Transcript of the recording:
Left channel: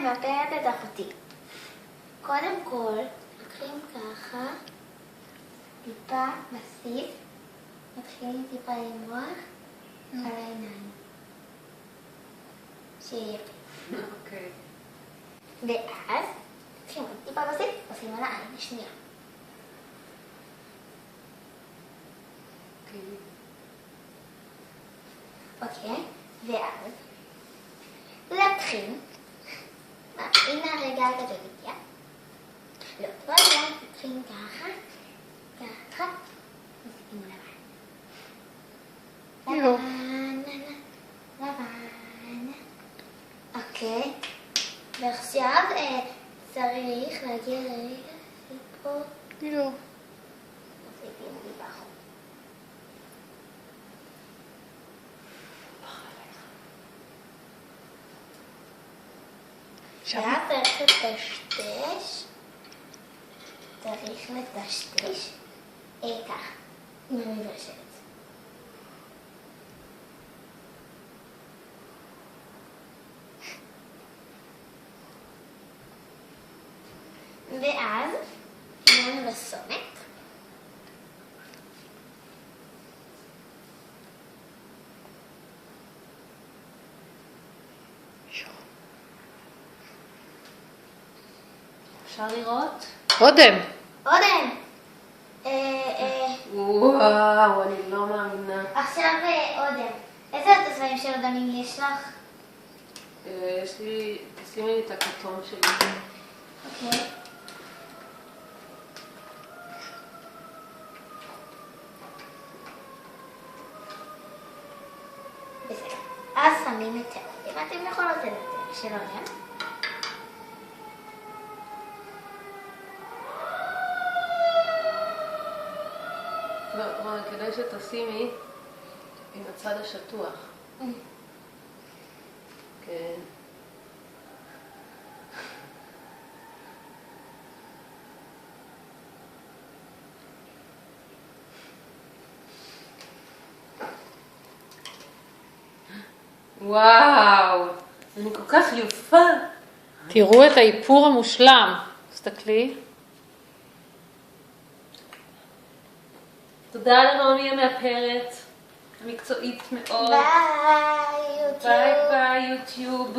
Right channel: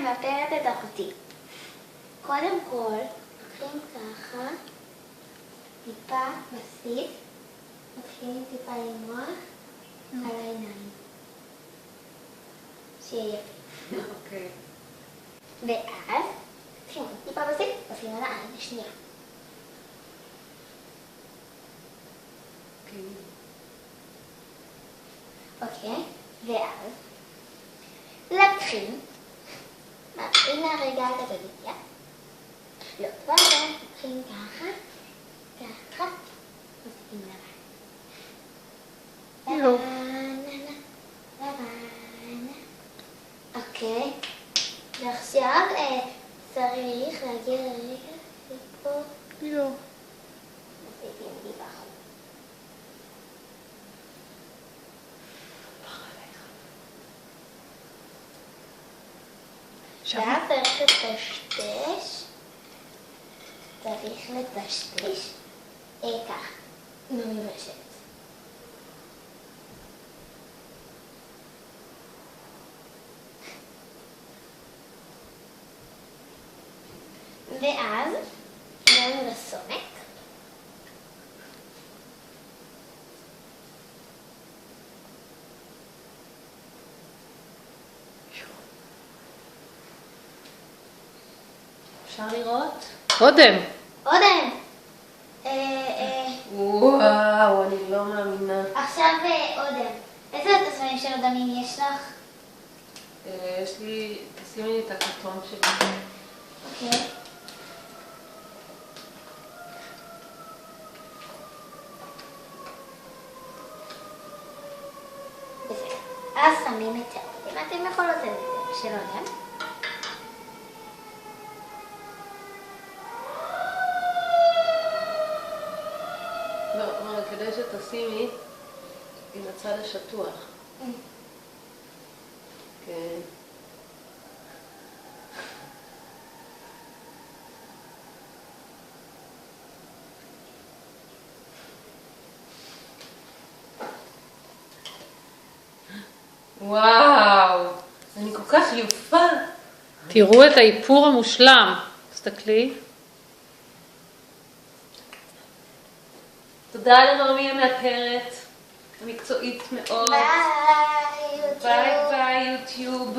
המאפרת התחתית. קודם כל, לוקחים ככה, טיפה בסיס, מתחילים טיפה למרוח על העיניים. שיהיה יפה. אוקיי. ואז, לוקחים עוד טיפה בסיס, עושים על העין השנייה. אוקיי, ואז לוקחים, הנה הרגע הגדוליה, לא, רגע, לוקחים ככה, ככה, מוסיפים לבן. לבן. אוקיי, ועכשיו צריך להגיע לרגע שפה. לא. מוסיפים גיבחון. ואז צריך לטשטש, ככה, עם המברשת. ואז הגענו לסומק. אפשר לראות? אודם. אודם. וואו, אני לא מאמינה. עכשיו אודם. איזה תסמינים של אודמים יש לך? יש לי, תשימי לי את הכתום שלי. אוקיי. בסדר. אז שמים את האודם. אתם יכולות את זה של אודם. לא, רונה, כדי שתשימי עם הצד השטוח. כן. וואו, אני כל כך יפה. תראו את האיפור המושלם. תסתכלי. תודה לנעמי המאפרת, המקצועית מאוד. ביי, יוטיוב. ביי ביי יוטיוב.